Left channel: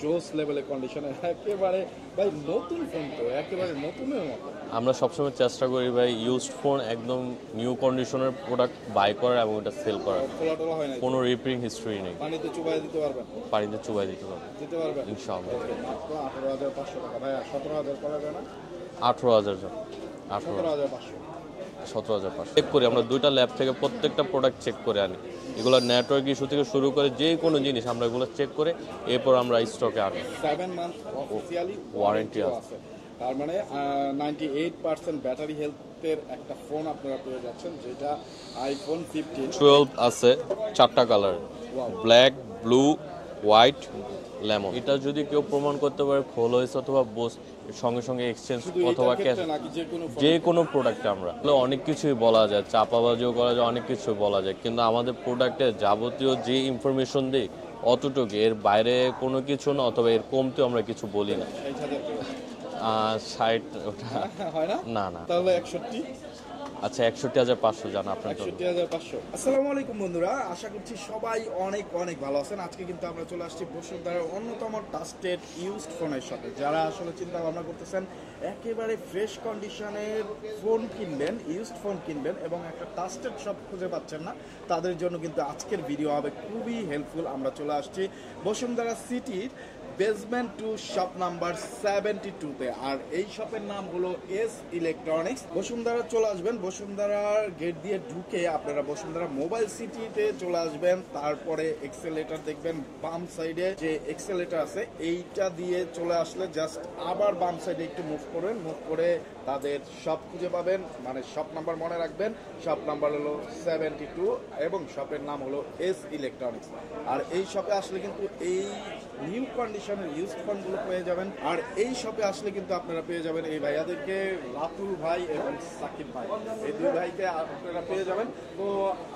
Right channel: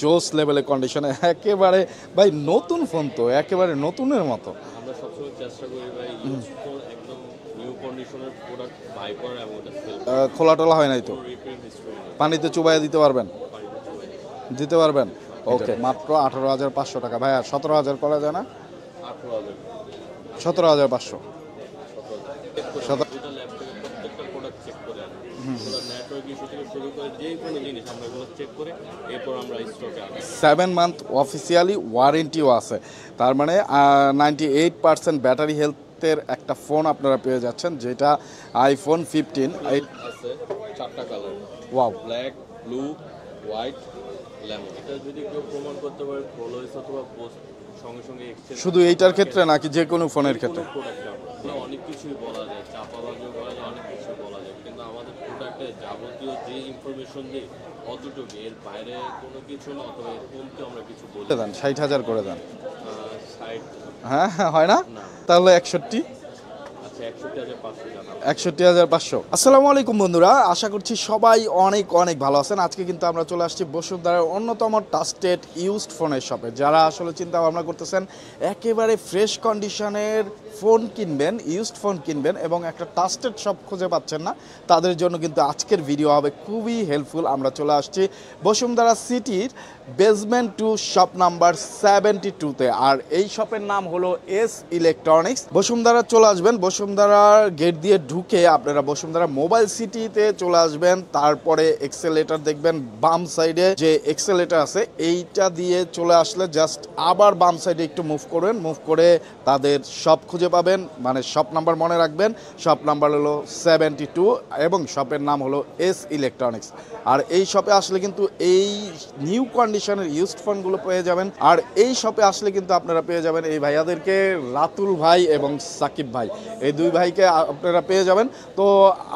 জোস লেভেলের কন্ডিশনে একেবারে ভাই নতুন ফোন তো একেবারে নতুনের মতো। আমরা সবসময় চেষ্টা করি ভাই ইউজড ফোন একদম নিউ কন্ডিশনের প্রোডাক্ট বাই করার এবং এটা সেল করার। খোলা টোলা হয় নাই তো? কোনো রিপেয়ারিং হিস্ট্রি নেই। পানিতে চুবাইয়া দিতে পারবেন? পানিতে চুবাই দিতে হবে। দিতে পারবেন? ইনশাআল্লাহ। ওকে, মাত্র 18,500 টাকা। ভাইয়া 17,000 করা যায় না? 18,000 17,500। 17,500 চেক করি আমরা দুইটা ল্যাব থেকে প্রত্যেকটা প্রোডাক্ট চেক করে আনি। এগুলো নেটওয়ার্ক ইস্যু থেকে শুরু করে যে কোনো জিনিস আমরা এগুলো চেক করে এরপর আমরা স্টকে আনি। 7 মান্থ অফিসিয়ালি ওয়ারেন্টিও আছে, তার মানে 98% ব্যাটারি হেলথের একটা ফোন আপনারা পেয়ে যাচ্ছেন, যেটা আইফোন 15 12 আছে, 4টা colour, wow. Black, blue, white, lemon. এটা যদি কেউ প্রমাণ করতে পারে ফোল হয়েছে অথবা সঙ্গে সঙ্গে এক্সচেঞ্জ, শুধু এইটার ক্ষেত্রে নাকি যে কোনো ফোনের যে ক্ষেত্রে? কোনো প্রোডাক্টে আমরা অনেক কিছুই বলা যায়, চাপাবাজিও করা যায়, অনেক কিছু বলা যায়, কিন্তু আমাদের প্রোডাক্টে যাবতীয় যে ইনফরমেশন দিই অতটুকু, এর বাইরে কোনো কিছু না, অথবা এর কমতেও আমরা কিছু বলি না। 60,000 করে যান। 60? হ্যাঁ হয় না? না না, তাহলে 61। আচ্ছা 61,500 জানা। 61,500। আসসালামু আলাইকুম বন্ধুরা, আশা করছি সবাই অনেক অনেক ভালো আছেন। আজকে কিন্তু আমরা চলে আসছি বসুন্ধরার অন্যতম ট্রাস্টেড ইউজড ফোনের শপে। যারা আসলে চিন্তা ভাবনা করতেছেন একেবারে ফ্রেশ কন্ডিশনের ফোন কিনবেন, ইউজড ফোন কিনবেন এবং একটা ট্রাস্টেড শপ খুঁজে পাচ্ছেন না, তাদের জন্য কিন্তু আজকের ভিডিও হবে খুবই হেল্পফুল। আমরা চলে আসছি বসুন্ধরা সিটির বেসমেন্ট 2 শপ নাম্বার 72-তে, আর এই শপের নাম হলো এস ইলেকট্রনিক্স। বসুন্ধরা চলে আসবেন, বসুন্ধরার গেট দিয়ে ঢুকে আপনারা বসুন্ধরা মোবাইল সিটিতে চলে আসবেন, তারপরে এক্সেলেটর দেখবেন বাম সাইডে যে এক্সেলেটর আছে এইটা দিয়ে চলে আসলে জাস্ট আবার বাম সাইডে একটু মুভ করবেন, মুভ করে তাদের শপ খুঁজে পাবেন, মানে শপ নাম্বার মনে রাখবেন, শপ নাম্বার হলো 72 এবং শপের নাম হলো এস ইলেকট্রনিক্স। আর এই শপে আসলে কিন্তু এই নিউ কন্ডিশনের ইউজড ফোনগুলো পেয়ে যাবেন। আর এই শপে আসলে কিন্তু আপনারা পেয়ে যাবেন এই ভাইয়াদেরকে, রাতুল ভাই এবং সাকিব ভাই, এই দুই ভাইকে আপনারা পেয়ে যাবেন। তো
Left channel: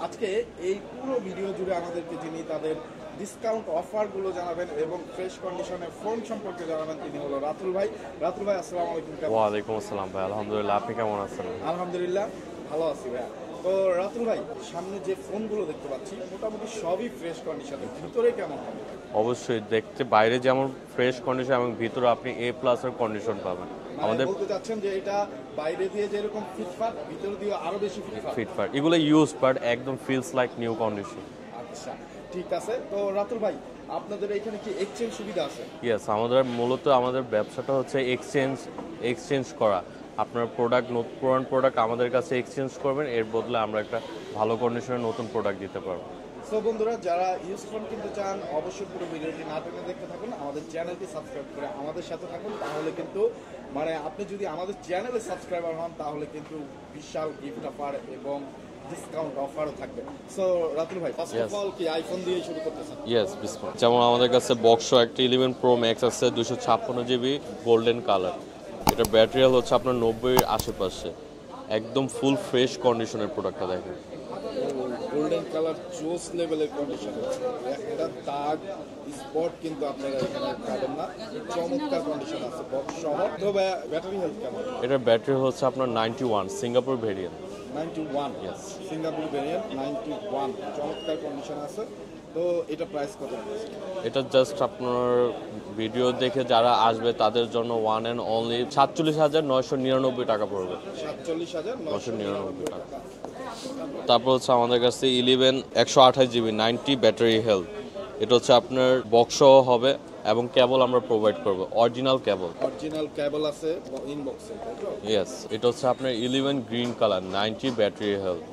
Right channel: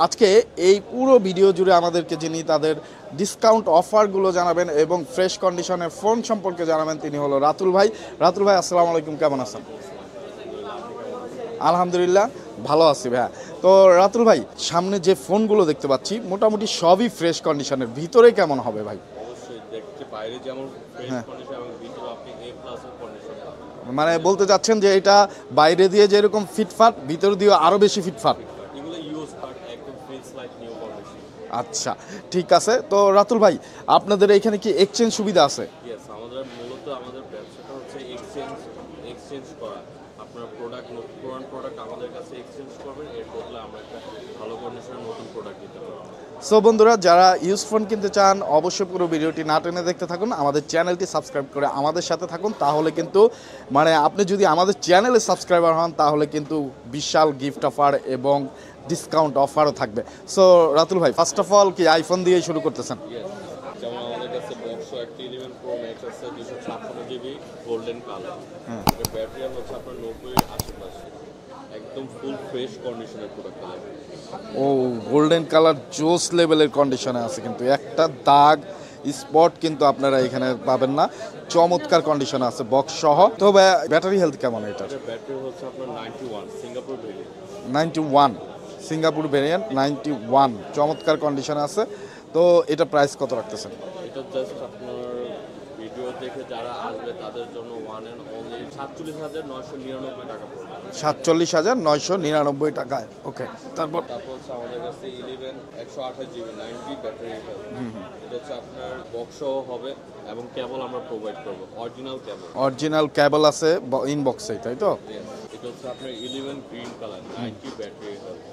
আজকে এই পুরো ভিডিও জুড়ে আমাদেরকে যিনি তাদের ডিসকাউন্ট অফারগুলো জানাবেন এবং ফ্রেশ কন্ডিশনের ফোন সম্পর্কে জানাবেন তিনি হলো রাতুল ভাই। রাতুল ভাই আসসালামু আলাইকুম, কেমন আছেন? ওয়ালাইকুম আসসালাম ভাই, আলহামদুলিল্লাহ, আপনি কেমন আছেন? আলহামদুলিল্লাহ ভালো আছি ভাইয়া। তো রাতুল ভাই, সামনে যে ফোনগুলো দেখতে পাচ্ছি মোটামুটি সবই ফ্রেশ কন্ডিশনের, ভিতরে কেমন হবে ভাই? অবশ্যই দেখতে বাইরে যেমন ফ্রেশ কন্ডিশন এবং ভিতরে আপনি A+ এর কন্ডিশন পাবেন। মানে বলতে চাচ্ছেন যে এটা বাইরে দিয়ে যেরকম ফিটফাট ভিতর দিয়ে আরো বেশি ফিটফাট? ফিটফাট, এগুলো ইউজ বাট একদম ফিলস লাইক নিউ কন্ডিশন। আচ্ছা ঠিক আছে। তো রাতুল ভাই, আপনাদের এখানে কি এক্সচেঞ্জ সুবিধা আছে? ইয়েস, আমাদের ব্যবসাটা হচ্ছে এক্সচেঞ্জ করা। আপনার পুরান প্রোডাক্ট আমাদের কাছে এক্সচেঞ্জ করবেন, এর বদলে আমরা একটা ভালো কন্ডিশনের নতুন প্রোডাক্ট দিতে পারবো। সো বন্ধুরা, যারা ইউজ ফোন কিনতে চান অবশ্যই পুরো ভিডিওটি না টেনে দেখতে থাকুন, আমাদের চ্যানেলটি সাবস্ক্রাইব করে আমাদের সাথে থাকুন, তাহলে কিন্তু মানে আপনি যদি আমাদের চ্যানেলে সাবস্ক্রাইবার হন তাহলে কিন্তু বিশাল গিফট অফার এবং ডিসকাউন্ট অফারও থাকবে। সো রাতুল ভাই, ফার্স্ট অফ অল কি আইফোন দিয়ে শুরু করতেছেন? ইয়েস, যেমন আমাদের কাছে বক্স একটা 11 Pro Max আছে, 256 GB গোল্ডেন কালার। এটা ব্যাটারি হচ্ছে আপনার 90-এর আশেপাশে, একদম ফুল ফ্রেশ কন্ডিশনের প্রোডাক্টটা দেখেন। ও গোল্ডেন কালার জোস লেভেলের কন্ডিশনে আছে, কিন্তু একটা দাগ স্পট কিন্তু আপনারা এখানে পাবেন না, চমৎকার কন্ডিশনে আছে বক্স সহ। তো ব্যাটারি হেলথ কেমন এটা? এটা ব্যাটারি হচ্ছে আপনার 91 সিঙ্গাপুর ভেরিয়েন্ট। 91 সিঙ্গাপুর ভেরিয়েন্ট 91, চমৎকার কন্ডিশনে আছে। তো এটা প্রাইস কত রাখতেছেন? এটা জাস্ট আপনার ভিডিও দেখে যারা আসবে তাদের জন্য ওয়ান অ্যান্ড অনলি 47,999 টাকা পড়বে। 47,999 টাকায়। ওকে, তারপর হচ্ছে আমাদের কাছে 11 128 GB 90 ব্যাটারি হেলথ। এটা হচ্ছে আপনার বক্স হবে এবং কেবল আমরা প্রোভাইড করব, অরিজিনাল কেবল আছে ইনবক্সে, তাই তো? ইয়েস, এটা হচ্ছে আপনার 11 green colour 90 battery health,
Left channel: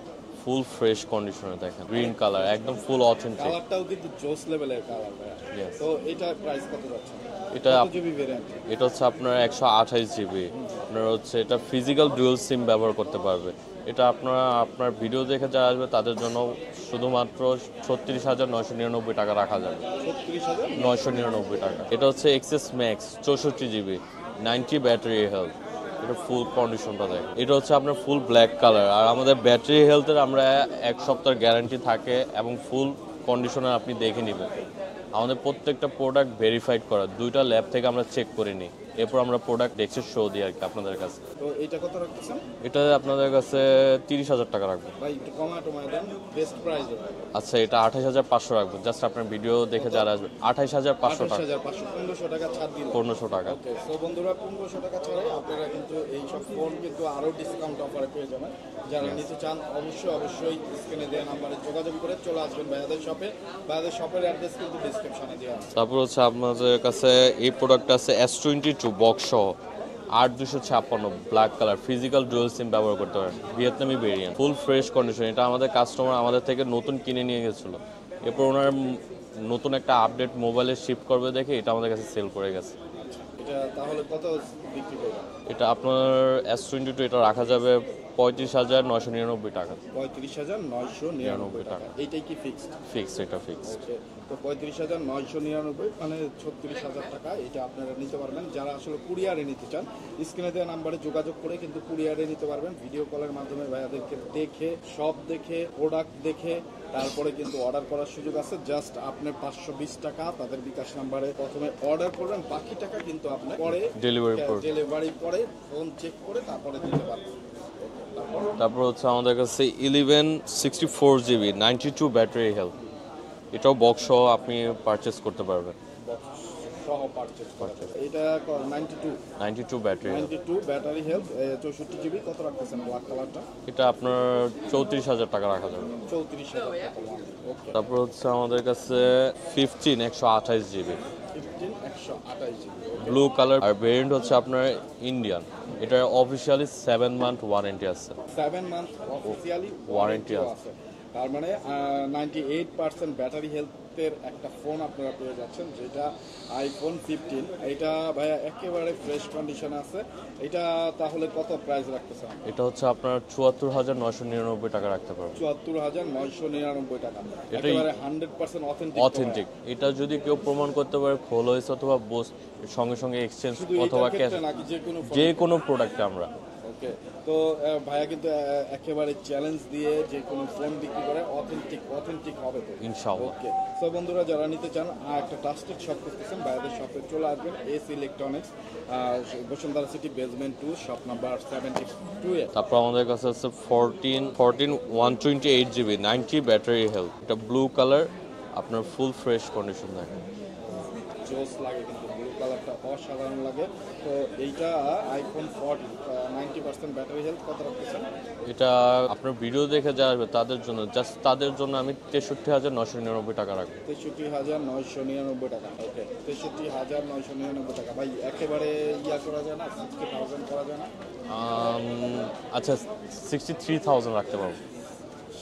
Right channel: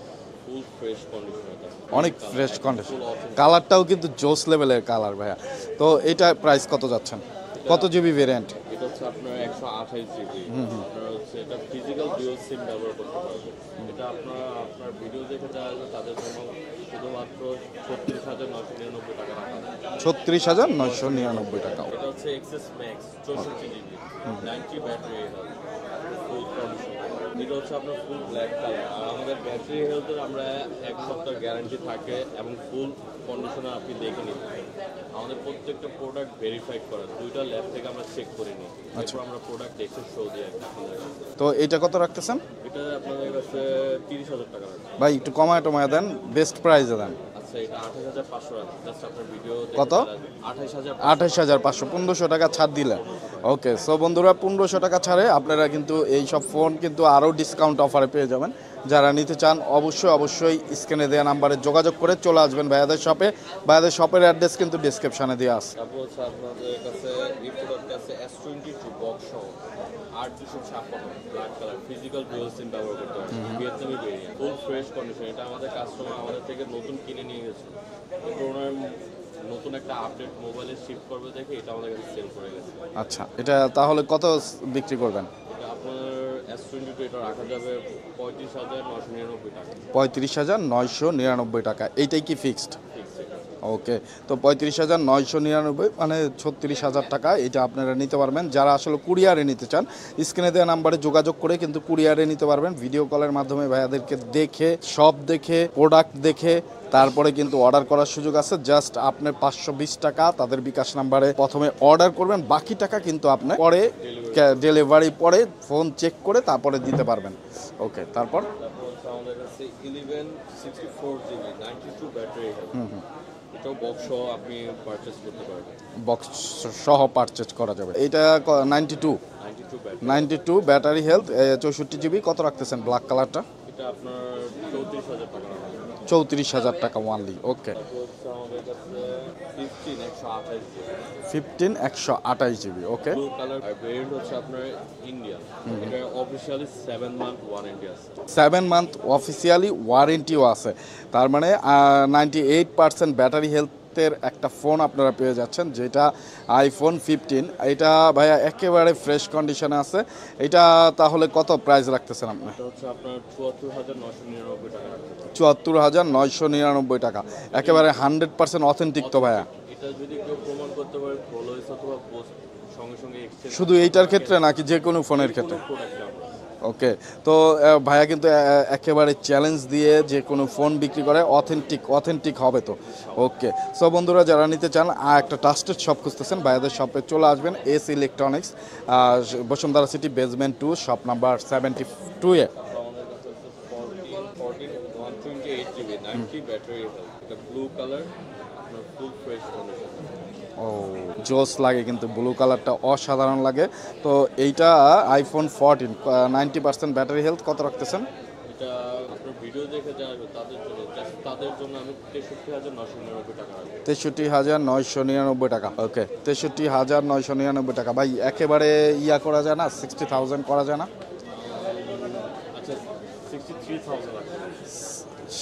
full fresh কন্ডিশনে দেখেন, অনেক কালার ফ্রেশ একদম কন্ডিশন, ফুল অথেন্টিক। কালারটাও কিন্তু জোস লেভেলের কালার ভাইয়া। তো এটা প্রাইস কত যাচ্ছেন? কত জিবি ভেরিয়েন্ট? এটা হচ্ছে আপনার 128 GB। আপনার হচ্ছে এটা ফিজিক্যাল ডুয়াল সিম ব্যবহার করতে পারবে। এটা আপনার ভিডিও দেখে যারা আসবে তাদের জন্য শুধুমাত্র 36,999 টাকা রাখা যায়। 36,999 টাকা। এটা হচ্ছে XS max 64 GB 90 battery health. এটা ফুল কন্ডিশনটা দেখেন। এটা হচ্ছে আপনার ফুল ব্ল্যাক কালার, আর আমাদের ব্যাটারি হেলথের আমরা 1 সপ্তাহের গ্যারান্টি থাকে এবং ফুল কন্ডিশনার আপনি দেখে নেবেন। আমাদের প্রত্যেকটা প্রোডাক্ট ভেরিফাইড করা, 2টা ল্যাব থেকে আমরা চেক করে নিই, এরপর আমরা প্রোডাক্ট দেখে শো দিই আর কি আপনাদের কাছে। তো এটা কত রাখতেছেন? এটা আপনাদের কাছে 30,000 টাকা রাখবো। ভাই একটু কমায় টমায় দেন, বেস্ট প্রাইসে দেন। আচ্ছা, এটা 28,500 রাখবো, জাস্ট আপনার ভিডিও দেখে কত? যারা আসবে 28,500 28,500, 1500 টাকা ছাড় দিলেন। 1500 টাকা। ওকে, সো বন্ধুরা 1500 টাকা ছাড়ে আপনারা কিন্তু এই সব ফোন কিন্তু আরও ডিসকাউন্ট অফারে পেয়ে যাবেন। যারা নিতে চান অবশ্যই স্ক্রিনে দেওয়া নাম্বারে যোগাযোগ করে চলে আসবেন ভাইয়াদের শপে। ভাইয়াদের শপের অ্যাড্রেস কিন্তু ডিসক্রিপশনে দেওয়া আছে। তারপর হচ্ছে আপনাদের কাছে এই প্রোডাক্ট আছে S22 বক্স সহ 8256 black colour, physical dual SIM ব্যবহার করতে পারেন, ভিয়েতনামি ভেরিয়েন্ট, ফুল ফ্রেশ কন্ডিশন। এটা আমাদের কাস্টমার আমাদের থেকে নতুন কিনে নিয়ে গেছিল, এরপর ওনার নতুন একটা আপডেট মোবাইলে শিফট করবে দেখে এটা আমাদের কাছে সেল করে গেছে। আচ্ছা, এটা তাহলে কত বিক্রি করবেন? এটা আপনার S22 এটা রাখা যাবে 35,999 টাকা। 35,999 টাকা, এইটাই কি ফিক্সড? ফিক্স, এটা ফিক্স। ওকে, তো 35,999 মানে 36,000 টাকা এটা আপনারা নিতে পারবেন। যারা আসলে কুরিয়ারে নিতে চান স্ক্রিনে দেওয়া নাম্বারে যোগাযোগ করে কিন্তু কুরিয়ারে নিতে পারবেন। ভিডিও কলের মাধ্যমে ভাইয়াদেরকে দেখে, সব দেখে, প্রোডাক্ট দেখে তারপরে কিন্তু অর্ডার করার সুযোগ আছে। জাস্ট আপনার 520 টাকা তাদের বিকাশ নাম্বারে প্রথমে অর্ডার করবেন, বাকি টাকা কিন্তু আপনার পরে ডেলিভারি পরে ফোন চেক করে তারপরে দিতে পারবেন। ওকে, তারপর হচ্ছে আমাদের কাছে 1164GB 92 ব্যাটারি হেলথ, এটাও বক্স সহ আপনি পারচেজ করতে পারবেন। বক্স সহ পারচেজ করা যাবে। এটা 92 ব্যাটারি, 92 ব্যাটারি হেলথ, 64GB। কত রাখতেছেন ব্ল্যাক কালারটা? এটা আপনার 34,000 টাকা রাখা যাবে। 34,000 টাকা ওয়ানলি। ওকে, তারপর হচ্ছে আমাদের কাছে 15128GB 15128GB। ওকে, ব্লু কালার, আর ভেরিয়েন্ট হচ্ছে আপনার ইন্ডিয়ান। এটা অফিশিয়ালি 7 মান্থ ওয়ারেন্টি আছে। 7 মান্থ অফিসিয়ালি ওয়ারেন্টিও আছে। তার মানে 98% ব্যাটারি হেলথের একটা ফোন আপনারা পেয়ে যাচ্ছেন, যেটা আইফোন 15। এটা ভাইয়া একেবারে ফ্রেশ কন্ডিশনে আছে। এটা তাহলে কত প্রাইস রাখতেছেন আপনি? এটা হচ্ছে আপনার 74,999 টাকা রাখতে পারবেন। 74,999 টাকা, একেবারে 100% অথেন্টিক তো ভাইয়া। এটা যদি কেউ প্রমাণ করতে পারে খোল হয়েছে অথবা সঙ্গে সঙ্গে এক্সচেঞ্জ, শুধু এইটার ক্ষেত্রে নাকি যে কোনো ফোনের যে কোনো প্রোডাক্টে আমরা। ওকে, তো ভাইয়া কিন্তু একেবারে চ্যালেঞ্জ দিয়ে যে কোনো ফোন বিক্রি করে, অথেন্টিক হবে তো। ওকে, সো বন্ধুরা যারা নিতে চান একটা ট্রাস্টেড শপ খুঁজতেছেন, ভাইয়াদের শপে চলে আসবেন। S electronics, Bashundhara city basement 2, shop number 72 এ। তারপর আমাদের কাছে আছে 14128GB 90 ব্যাটারি হেলথ, এটা ব্লু কালার, আপনার ফুল ফ্রেশ কন্ডিশন থাকে। ও জোস লাগে, কিন্তু ব্লু কালারটা অসাধারণ লাগে। তো এইটা আইফোন 14, 90% ব্যাটারি হেলথ। কত রাখতেছেন? এটা আপনার ভিডিও দেখে যা আসবে তাদের জন্য, জাস্ট তাদের জন্য আমি 63,999 টাকা রাখবো। 63,999 টাকা। ওকে, 63,999 টাকা। ভাই একেবারে ইয়া করা যায় না? 60,000 করা যায় না? আচ্ছা, 63,000 রাখতে পারবো।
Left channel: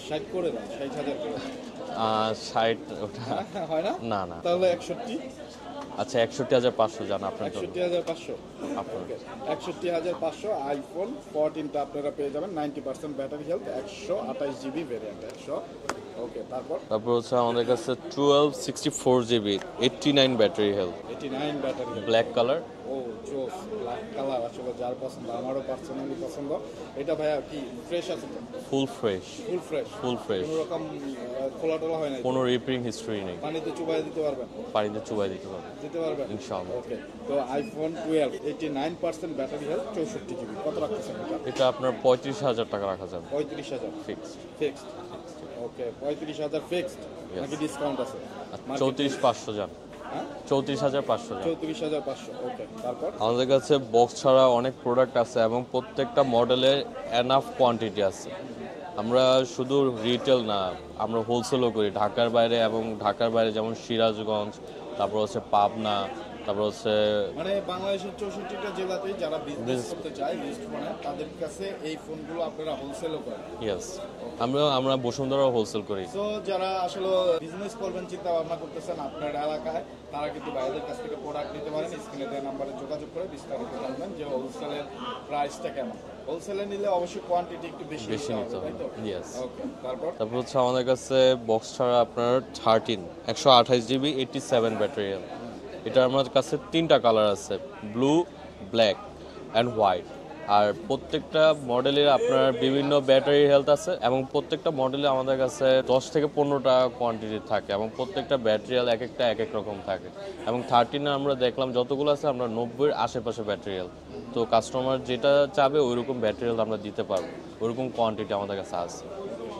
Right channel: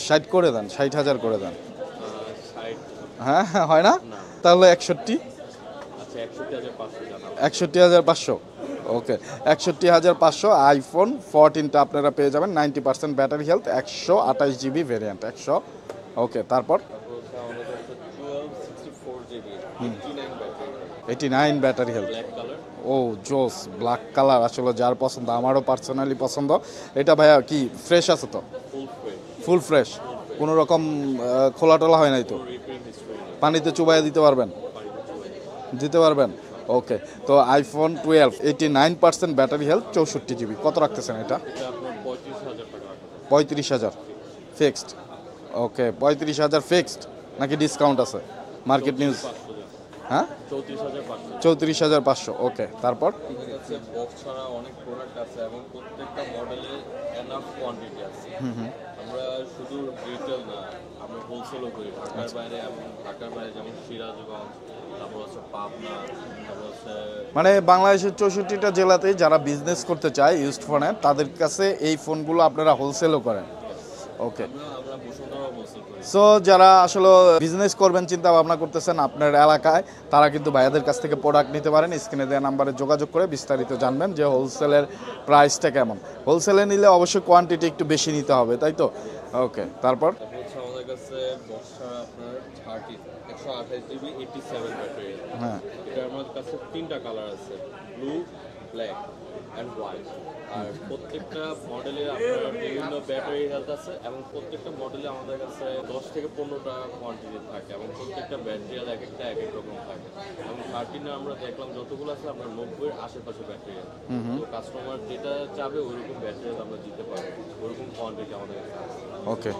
60 করে দেন, 60,000 করে দেন। 60? হ্যাঁ, হয় না? না না, তাহলে 61। আচ্ছা 61,500 জানা। 61,500। ওকে, 61,500 আইফোন 14টা আপনারা পেয়ে যাবেন। 90% ব্যাটারি হেলথ, 128GB ভেরিয়েন্ট 100। ওকে, তারপর হচ্ছে আমাদের কাছে 1264GB 89 battery health, 89 battery health, black colour. ও জোস, ব্ল্যাক কালার আসলে যার পছন্দ, আমারও পার্সোনালি পছন্দ। এটা ভাইয়া কি ফ্রেশ আছে তো? Full fresh. ফুল ফ্রেশ, কোনো রকম খোলা টোলা হয় নাই তো? কোনো রিপেয়ারিং হিস্ট্রি নেই। পানিতে চুবাইয়া দিতে পারবেন? পানিতে চুবাই দিতে পারবেন। ওকে, তো আইফোন 12 89% ব্যাটারি হেলথ, 64GB। কত রাখতেছেন এটা? এটা আপনার 35,000 টাকা রাখা যাবে। 35,000 ফিক্সড। ওকে, 35,000 ফিক্সড নাকি ডিসকাউন্ট আছে? মার্কেট নিউজ 500 জান। হ্যাঁ, 34,500। 34,500। ওকে, তারপর আমাদের কাছে বক্স ছাড়া অনেক প্রোডাক্ট আছে এবং প্রত্যেকটা মডেলের এনাফ কোয়ান্টিটি আছে। আমরা শুধু রিটেল না, আমরা হোলসেলও করি ঢাকার বাইরে, এবং ঢাকার বাইরে যেমন সিরাজগঞ্জ, তারপর হচ্ছে পাবনা, তারপর হচ্ছে মানে বাংলাদেশের 64টা জেলাতেই যারা বিজনেস করতে চায় ইউজড ফোনে, তাদের কাছে এই ফোনগুলো আপনারা হোলসেলও করেন। ইয়েস, আমরা বসুন্ধরা হোলসেল করি। সো যারা আসলে বিজনেস করবেন চিন্তা ভাবনা করতেছেন আপনার এলাকায়, তারা কিন্তু ভাইয়াদের কাছ থেকে প্রোডাক্ট নিতে পারেন। স্ক্রিনে দেওয়া নাম্বারে যোগাযোগ করে বিস্তারিত জানবেন যে হোলসেলের প্রাইসটা কেমন। হোলসেলে নিলে অবশ্যই কোয়ান্টিটি একটু বেশি নিতে হবে, তাই তো? ওকে, তারপর হচ্ছে আমাদের কাছে বক্স ছাড়া আপনার 128GB 87 ব্যাটারি। হ্যাঁ, এটা আমার কাছে 3টা কালার আছে, ব্লু, ব্ল্যাক অ্যান্ড হোয়াইট। আর প্রত্যেকটা মডেলের আপনার বিভিন্ন ব্যাটারি হেলথ আছে এবং প্রত্যেকটা মডেলে আমাদের কাছে 10 থেকে 15টা কোয়ান্টিটি থাকে এবং প্রত্যেকটা ব্যাটারি হেলথ এক একটা এক এক রকম থাকে এবং 13 আমরা দেখলাম যতগুলো আছে আমরা 90 এর আশেপাশে ব্যাটারি হেলথ। তো কাস্টমার যেটা চাবে ওইরকম ব্যাটারি হেলথ আমরা দিতে পারবো, ওইরকম কোয়ান্টিটি আমাদের কাছে আছে। ওকে,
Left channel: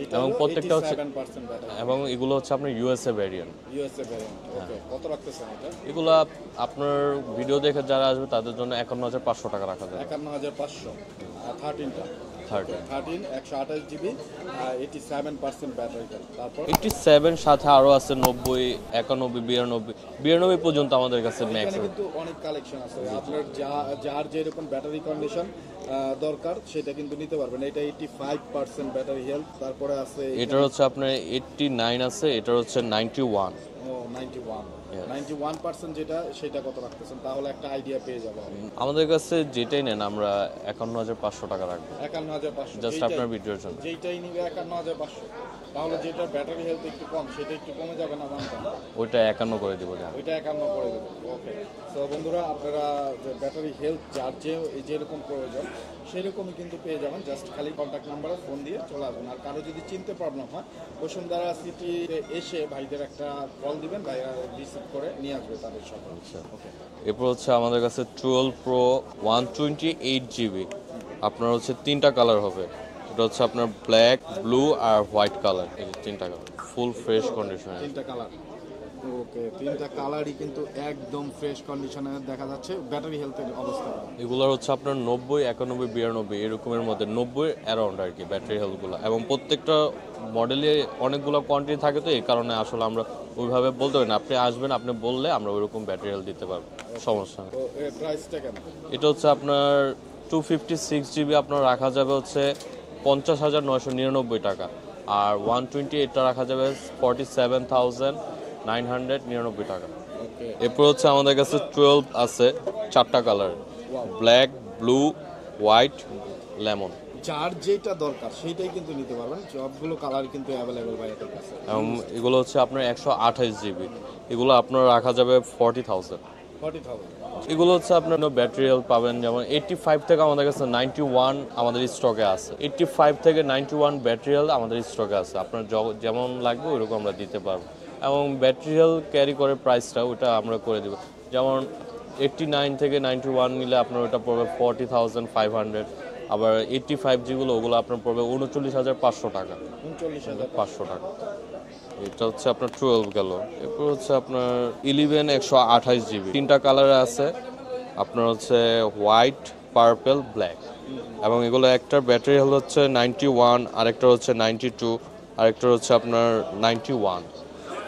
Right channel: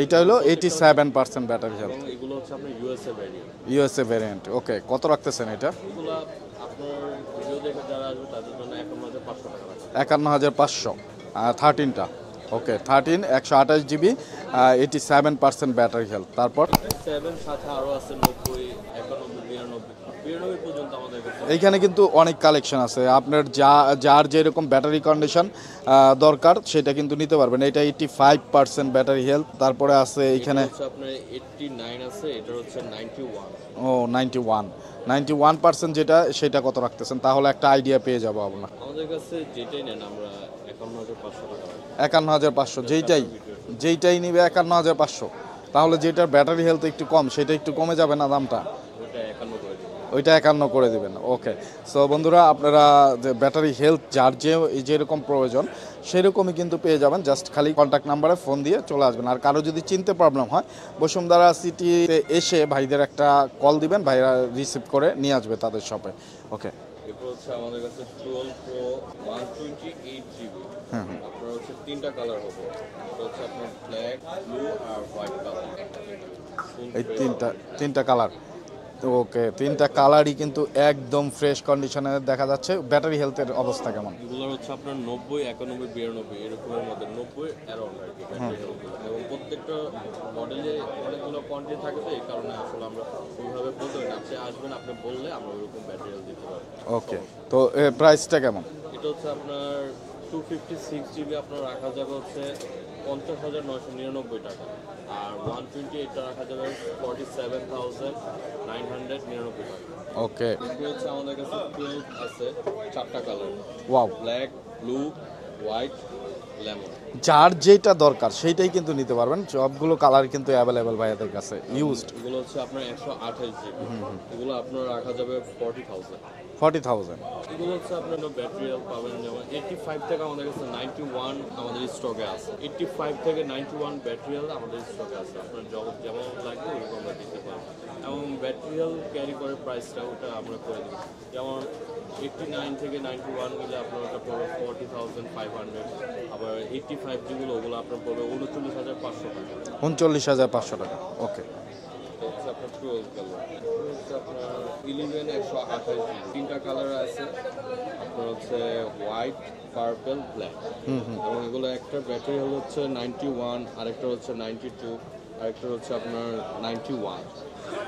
এইটা হলো 87% ব্যাটারি এবং এগুলো হচ্ছে আপনার USA variant. USA variant. Okay, কত রাখতেছেন এটা? এগুলো আপনার ভিডিও দেখে যারা আসবে তাদের জন্য 51,500 টাকা রাখা যায়। 51,500 13টা। ওকে, 13 128 জিবি 87% ব্যাটারি হেলথ। তারপর 87 সাথে আরো আছে 90, 91, 92 পর্যন্ত আমাদের কাছে নেই। এখানে কিন্তু অনেক কালেকশন আছে, আপনার যার যেরকম ব্যাটারি কন্ডিশন দরকার সেটা কিন্তু নিতে পারবেন। এটা 85% ব্যাটারি হেলথ। তারপরে আছে এটা এখানে হচ্ছে আপনার 89 আছে, এটা হচ্ছে 91। ও 91% যেটা, সেটা কত রাখতেছেন? তাহলে একটা আইডিয়া পেয়ে যাবো আমরা। আমাদের কাছে যেটাই নেন আমরা 51,500 টাকা রাখবো। 51,500 Just যেইটাই আপনার ভিডিওর জন্য। যেইটাই নিবে 51,500। তাহলে যেটার ব্যাটারি হেলথ একটু কম সেটা একটু কমে যাবে না দামটা? ওইটা 51 করে দিব। ওইটা 51 করে দিবেন। ওকে, সো বন্ধুরা আপনারা যে ব্যাটারি হেলথ যার যেরকম প্রয়োজন সেরকমই কিন্তু পেয়ে যাবেন। জাস্ট খালি কন্ট্যাক্ট নাম্বারে ফোন দিয়ে চলে আসবেন। আর কারো যদি চিনতে প্রবলেম হয় বসুন্ধরা সিটিতে এসে ভাইদের একটা কল দিবেন, ভাইরা রিসিভ করে নিয়ে আসবে তাদের শপে। ওকে, এরপর হচ্ছে আমাদের কাছে 12 প্রো 128 জিবি। আপনার হচ্ছে 3টা কালার হবে। এটা হচ্ছে আপনার ব্ল্যাক, ব্লু আর হোয়াইট কালার। এই 3টা কালার ফুল এই ফ্রেশ কন্ডিশন। তিনটা কালার। ওকে, তিনটা কালারই কিন্তু একদম ফ্রেশ কন্ডিশনে দেখা যাচ্ছে। ব্যাটারি হেলথের অবস্থা কেমন? এগুলোর হচ্ছে আপনার 90, 91, 92 এরকমের মধ্যে 90 অ্যারাউন্ড আর কি ব্যাটারি হেলথগুলো। এবং প্রত্যেকটা মডেলে অনেকগুলো কোয়ান্টিটি থাকে, তো এই কারণে আসলে আমরা ওইভাবে বলতে পারি না। আপনি আসবেন, আপনি বললে আমরা ওইরকম ব্যাটারি হেলথ দিতে পারবো, সমস্যা নেই। তো প্রাইসটা কেমন? এটা হচ্ছে আপনার 256 জিবি আপনার রাখা যাবে হচ্ছে 50,999 টাকা। আর 128টা রাখা যাবে 47,999 টাকা। ওকে, এরপর হচ্ছে আমাদের কাছে 12 আছে 4টা colour. Wow, black, blue, white, lemon. যার যেটা দরকার সেইটাই কিন্তু নিতে পারবেন। সবগুলো কালার কিন্তু অ্যাভেলেবেল ভাইয়াদের কাছে। এগুলো হচ্ছে আপনার 128 জিবি। এগুলো আপনার রাখা যাবে 40,000। 40,000। এগুলো হচ্ছে আপনার ব্যাটারি হেলথ পাবেন, যেমন 85 থেকে আমাদের কাছে 91 আমাদের স্টকে আছে। 85 থেকে 91 ব্যাটারি হেলথ আমাদের স্টকে আছে। আপনার যেমন লাগবে ওইরকম আমরা দিতে পারবো। এবং ব্যাটারি হেলথ ক্যারি করে প্রাইসটা ওটা আমরা করে দেবো। যেমন 89 থেকে 91 নিলে আপনার ওটা পড়বে 40,500। আবার 85 যেগুলো ওগুলো আপনার পড়বে 39,500 টাকা। 39,500 টাকা। ওকে, এটা হচ্ছে আপনার 12 গেল। এরপর হচ্ছে আপনার 11 128 জিবি। 3টা কালারে আছে আপনার হচ্ছে হোয়াইট, পার্পল, ব্ল্যাক। এবং এগুলো একটার ব্যাটারি হেলথ হচ্ছে 91, আরেকটা হচ্ছে 92, আরেকটা হচ্ছে আপনার 91।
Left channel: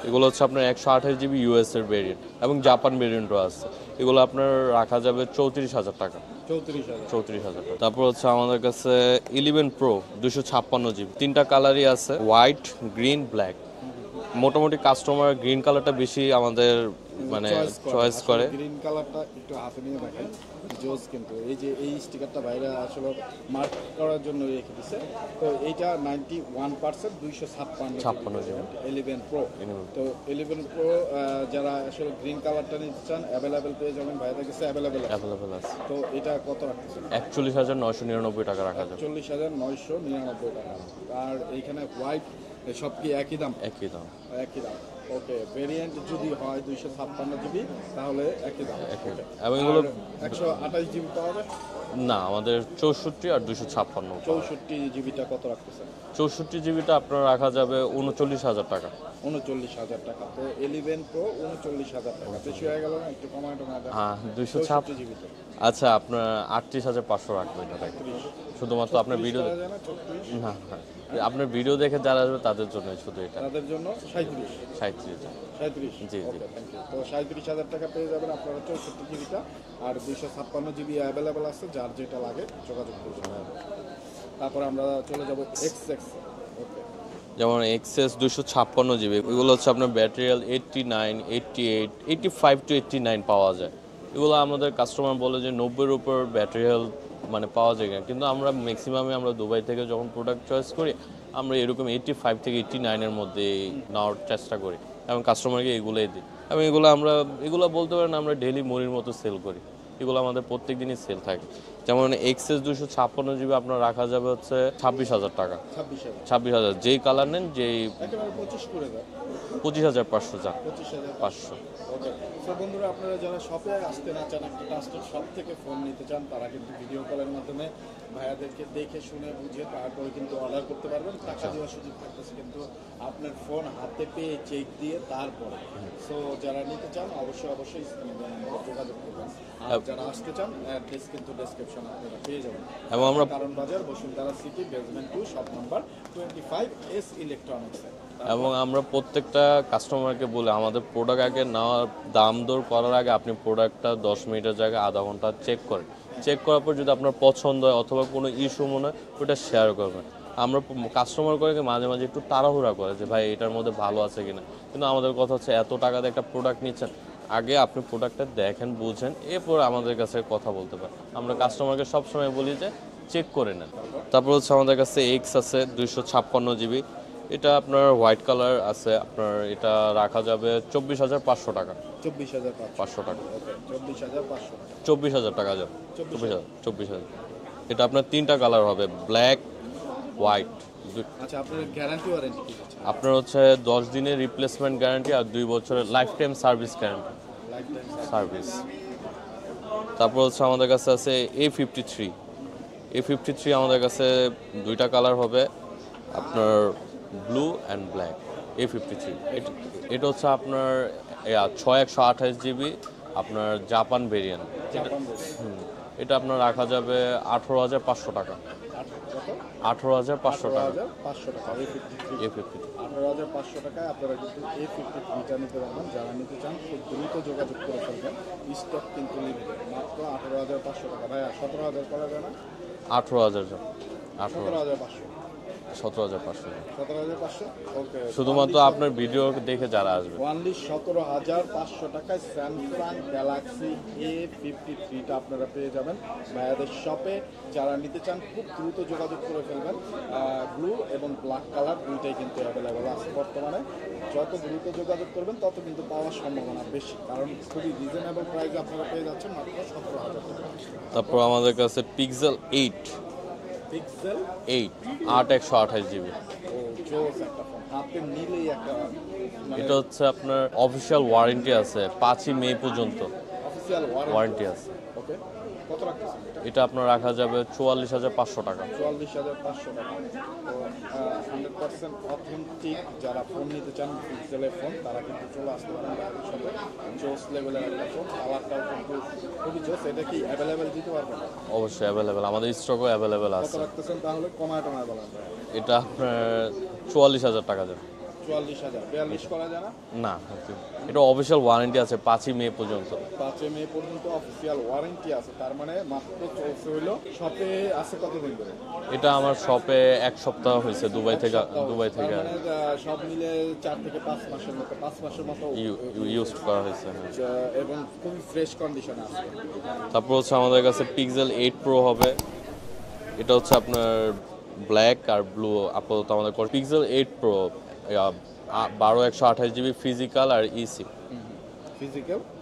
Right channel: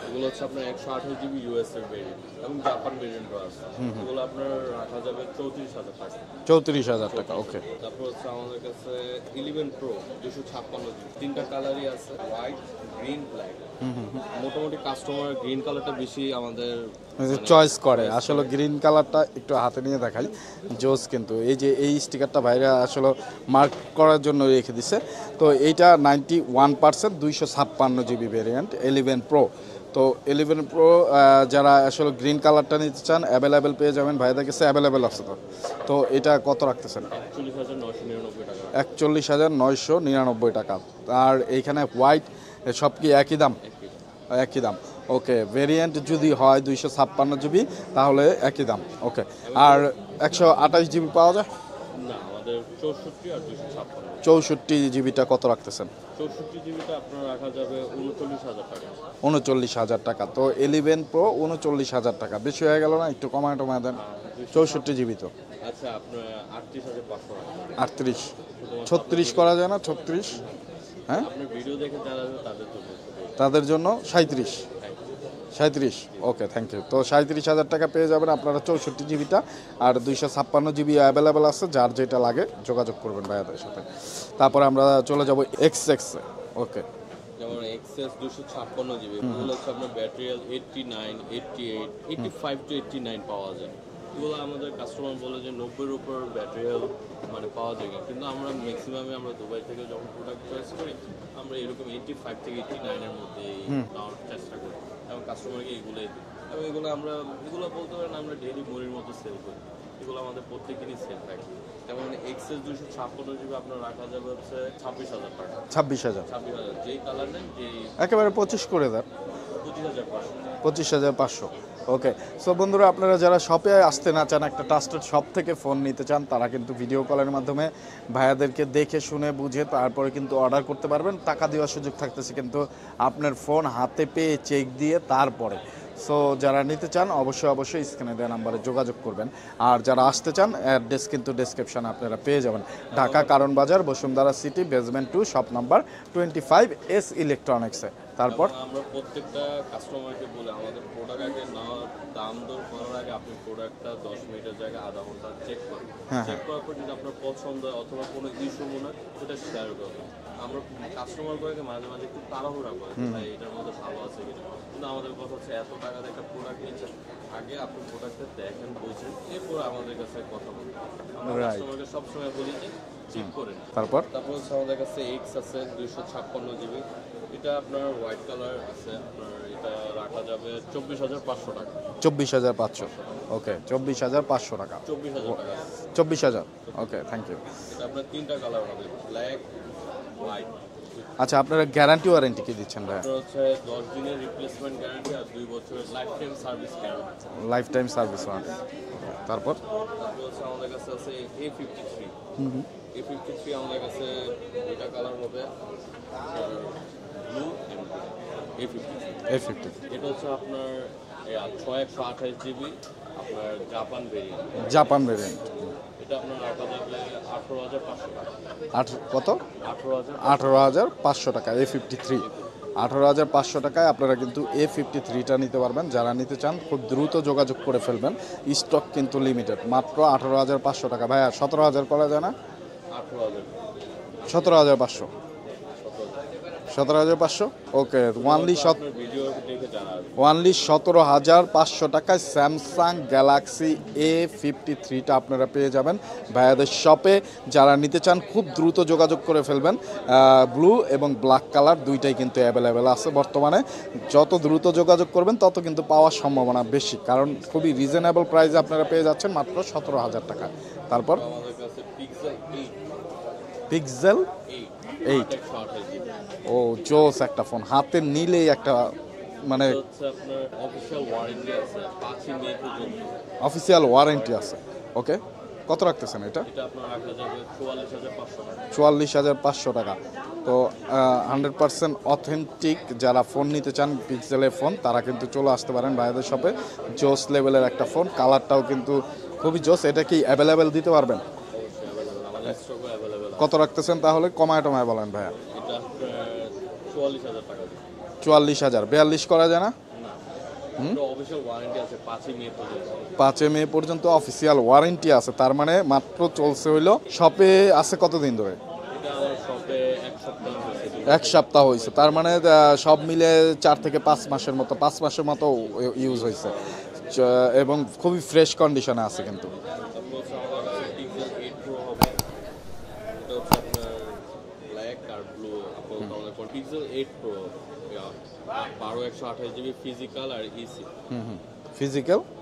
এগুলো হচ্ছে আপনার 128 জিবি ইউএস এর ভেরিয়েন্ট এবং জাপান ভেরিয়েন্টও আছে। এগুলো আপনার রাখা যাবে 34,000 টাকা। 34,000 টাকা। ওকে, তারপর হচ্ছে আমাদের কাছে 11 প্রো 256 জিবি। 3টা কালারই আছে, হোয়াইট, গ্রিন, ব্ল্যাক। মোটামুটি কাস্টমার গ্রিন কালারটা বেশি আমাদের মানে চয়েস করে। choice আসলে গ্রিন কালারটা একটু হাতে নিয়ে দেখাই, জোস কিন্তু। এই যে এই স্টিকারটা বাইরে আসলে মার্ক করার জন্য রেখে দিছে। তো এইটা 91% 256 জিবি ভেরিয়েন্ট 11 প্রো। তো 11 প্রো যারা আসলে গ্রিন কালারটা নিতে চান অ্যাভেলেবেল পেয়ে যাবেন, ভাইদের কাছে অ্যাভেলেবেল আছে। তো এটা কত রাখতেছেন? 41,999 টাকা রাখা যাবে। 41,999 টাকা। আর এইখানে হোয়াইট সব কি একই দাম? একই দাম। একই দাম। ওকে, ভেরিয়েন্ট যদি হয় 256 জিবি তাহলে একই দাম। ওকে, এবং আর 128 জিবি পাওয়া যায়? না, আমাদের 64 আর 256। 64 জিবিটা কত রাখতেছেন? 64 জিবিটা আপনার রাখা যাবে 39,000 টাকা। 39,000 টাকা। তো 11 প্রো 39,000 টাকা। বেশি হয়ে গেল না? একটু কমায় টমায় দেন। হ্যাঁ, 64 জিবি তো। আচ্ছা, আপনার 38,500 রাখবেন। 38, শুধুমাত্র আপনার 36 করা যায় না? 36 হ্যাঁ, আপনার ভিডিও দেখে যারা আসবে তাদের জন্য শুধু এটা। তাদের জন্য 37। 37। ওকে, থ্যাংক ইউ। তো 37,000 টাকা পেয়ে যাবেন আপনারা 64 জিবিটা। আর 256 জিবি অ্যাভেলেবেল আছে, যার যেটা লাগে যোগাযোগ করবেন ভাইয়াদের সাথে। তারপরে আমরা চলে যাব এক্সএক্স। ওকে, যেমন এক্সএস 256 জিবি। এগুলো হচ্ছে আপনার ব্যাটারিয়াল 89, 88, 85 টু 89 পাওয়া যায়। এগুলো আমাদের কাস্টমার বলে যে 90-এর উপর ব্যাটারিয়াল মানে পাওয়া যায় না, কিন্তু আমরা ম্যাক্সিমামে আমরা দুবাই থেকে যখন প্রোডাক্ট চয়েস করি আমরা এরকম 85 থেকে 89 এর মধ্যে নেওয়ার চেষ্টা করি এবং কাস্টমারকে এগুলোই দিই। আমি এগুলো বলতে পারেন আমরা ডেইলি মুড়ির মতো সেল করি। এগুলো আমাদের প্রত্যেক দিনই সেল থাকে। যেমন এক্সএস 256 জিবি আপনার রাখা যাবে হচ্ছে 26,000 টাকা। 26,000 26,000 যেই কালার নেন, যেই একেবারে 25 করে দেন। 25,500 চান। 25,500। ওকে, সো বন্ধুরা, আপনারা যারা শপে আসতে না চান, একটা ট্রাস্টেড শপ থেকে ফোন নিতে চান, তারা কিন্তু ভিডিও কলের মাধ্যমে ভাইয়াদেরকে দেখে শুনে বুঝে তারপরে কিন্তু অর্ডার করতে পারবেন। টাকা দেওয়ার সুযোগ থাকতেছে, কিন্তু আপনার ফোন হাতে পেয়ে চেক দিয়ে তারপরে। সো যারা নিতে চান অবশ্যই স্ক্রিনে দেওয়া নাম্বারে যোগাযোগ করবেন। আর যারা আসতে চান অ্যাড্রেস কিন্তু ডেসক্রিপশনে আপনারা পেয়ে যাবেন। Dhaka Karwan Bazar, Bashundhara city, basement 2, shop number 25, S ইলেকট্রনিক্সে। তারপর এবং আমরা প্রত্যেকটা কাস্টমারকে বলে আমাদের প্রোডাক্ট আগে নেওয়ার দাম দর করার আগে আপনি প্রোডাক্টটা 10 মিনিটের জায়গায় আধা ঘন্টা চেক করেন। চেক করার পর যদি আপনার পছন্দ হয় অথবা কোনো ইস্যু মনে হয় ওটা শেয়ার করবেন। আমরা কাস্টমার করে মাঝে মাঝে একটু তাড়াহুড়া করে যে ভাই এটার মধ্যে ভালো আছে কিনা, কিন্তু আমাদের কথা হচ্ছে এত টাকা দিয়ে একটা প্রোডাক্ট নিচ্ছেন, আগে আপনি প্রোডাক্টটা দেখেন, বুঝেন, এরপর আমাদের কাছে কথা বলতে পারেন। আমরা কাস্টমারকে সবসময় বলি যে চেক করে নেন। তারপর হচ্ছে আমাদের কাছে এক্স আছে 256 জিবি। এটা আপনার হোয়াইট কালার আছে, আপনার এটা রাখা যাবে 24,500 টাকা। 24,500 টাকা। ওকে, 24,500 টাকা। 24,000 টাকা যাবে। 24,000। 24,000। Thank you. এটা আপনার তিনটা কালার হবে, ব্ল্যাক, হোয়াইট। আচ্ছা, আপনারা গ্যারান্টি ওয়ারেন্টি কি দিচ্ছেন? আপনার হচ্ছে 10 দিনের রিপ্লেসমেন্ট গ্যারান্টি আর 2 বছরের life time service guarantee. Life time service. তারপর হচ্ছে আমাদের কাছে আছে A53। A53 আমাদের কাছে দুইটা কালার হবে, আপনার ব্লু অ্যান্ড ব্ল্যাক। A53 এটা হচ্ছে আপনার 6128 জিবি, আপনার জাপান ভেরিয়েন্ট। এটা আপনার রাখা যাবে 18,500 টাকা। কত? 18,500 টাকা। A53 18,500 টাকায় আপনারা কিন্তু A53টা নিতে পারবেন। যারা নিতে চান খুব দ্রুত যোগাযোগ করে ফেলবেন, স্টক কিন্তু লিমিটেড। মাত্র 18,500 টাকা। ভাইয়া 17,000 করা যায় না? 18,000 17,500। 17,500। ওকে, আপনার ভিডিও দেখে যারা আসবে ওনলি 17,500 টাকায় স্যামসাং গ্যালাক্সি A53টা আপনারা পেয়ে যাবেন ভাইয়াদের শপে। যারা নিতে চান খুব দ্রুত যোগাযোগ করে ফেলবেন। ব্লু এবং ব্ল্যাক কালার দুইটাই কিন্তু অ্যাভেলেবেল আছে বর্তমানে। যত দ্রুত যোগাযোগ করবেন তত কিন্তু পাওয়ার সম্ভাবনা বেশি, কারণ খুবই রিজনেবল প্রাইসে আপনারা পেয়ে যাচ্ছেন মাত্র 17,000 টাকা। তারপর আমাদের কাছে পিক্সেল 8 8128 জিবি। ও জোস একটা ফোন, হাতে নিলেই একটা মানে এটা হচ্ছে আপনার অফিশিয়াল ওয়ারেন্টি আছে 5ই মে পর্যন্ত। অফিশিয়াল ওয়ারেন্টি আছে। ওকে, কত রাখতেছেন এটা? এটা আপনার রাখা যাবে 44,500 টাকা। 44,500 টাকা। তো 100% অথেন্টিক যারা ফোন নিতে চান পিক্সেলের ফোন, তারা কিন্তু চলে আসতে পারেন ভাইয়াদের শপে। জোস লেভেলের একটা ফোন, কালারটাও কিন্তু খুবই জোস। এটা কি অ্যাভেলেবেল দিতে পারবেন? অবশ্যই অ্যাভেলেবেল, আমাদের স্টকও অ্যাভেলেবেল আছে। কত রাখতেছেন তাহলে? কমায় টমায় বলেন ভাইয়া। এটা আপনার 44,000 টাকা যাবে। 44,000। 42 করা যায় না? না, এটা অফিশিয়াল ওয়ারেন্টি আছে 5ই মে পর্যন্ত। 5 মে পর্যন্ত অফিসিয়াল ওয়ারেন্টি আছে, তার মানে মাত্র চলছে হইলো। শপে আছে কতদিন ধরে? এটা আমার শপে 1 সপ্তাহ হয়েছে। এক সপ্তাহ হয়েছে, তার মানে সব মিলে 4 থেকে 5 মাসের মতো ইউজ হয়েছে এবং খুবই ফ্রেশ কন্ডিশনে আছে কিন্তু। তারপর হচ্ছে আমাদের কাছে পিক্সেল 8 প্রো হবে। এটা হচ্ছে আপনার ব্ল্যাক আর ব্লু আপাতত আমাদের পিক্সেল 8 প্রো 128 জিবি ফিজিক্যাল আর ইসিম।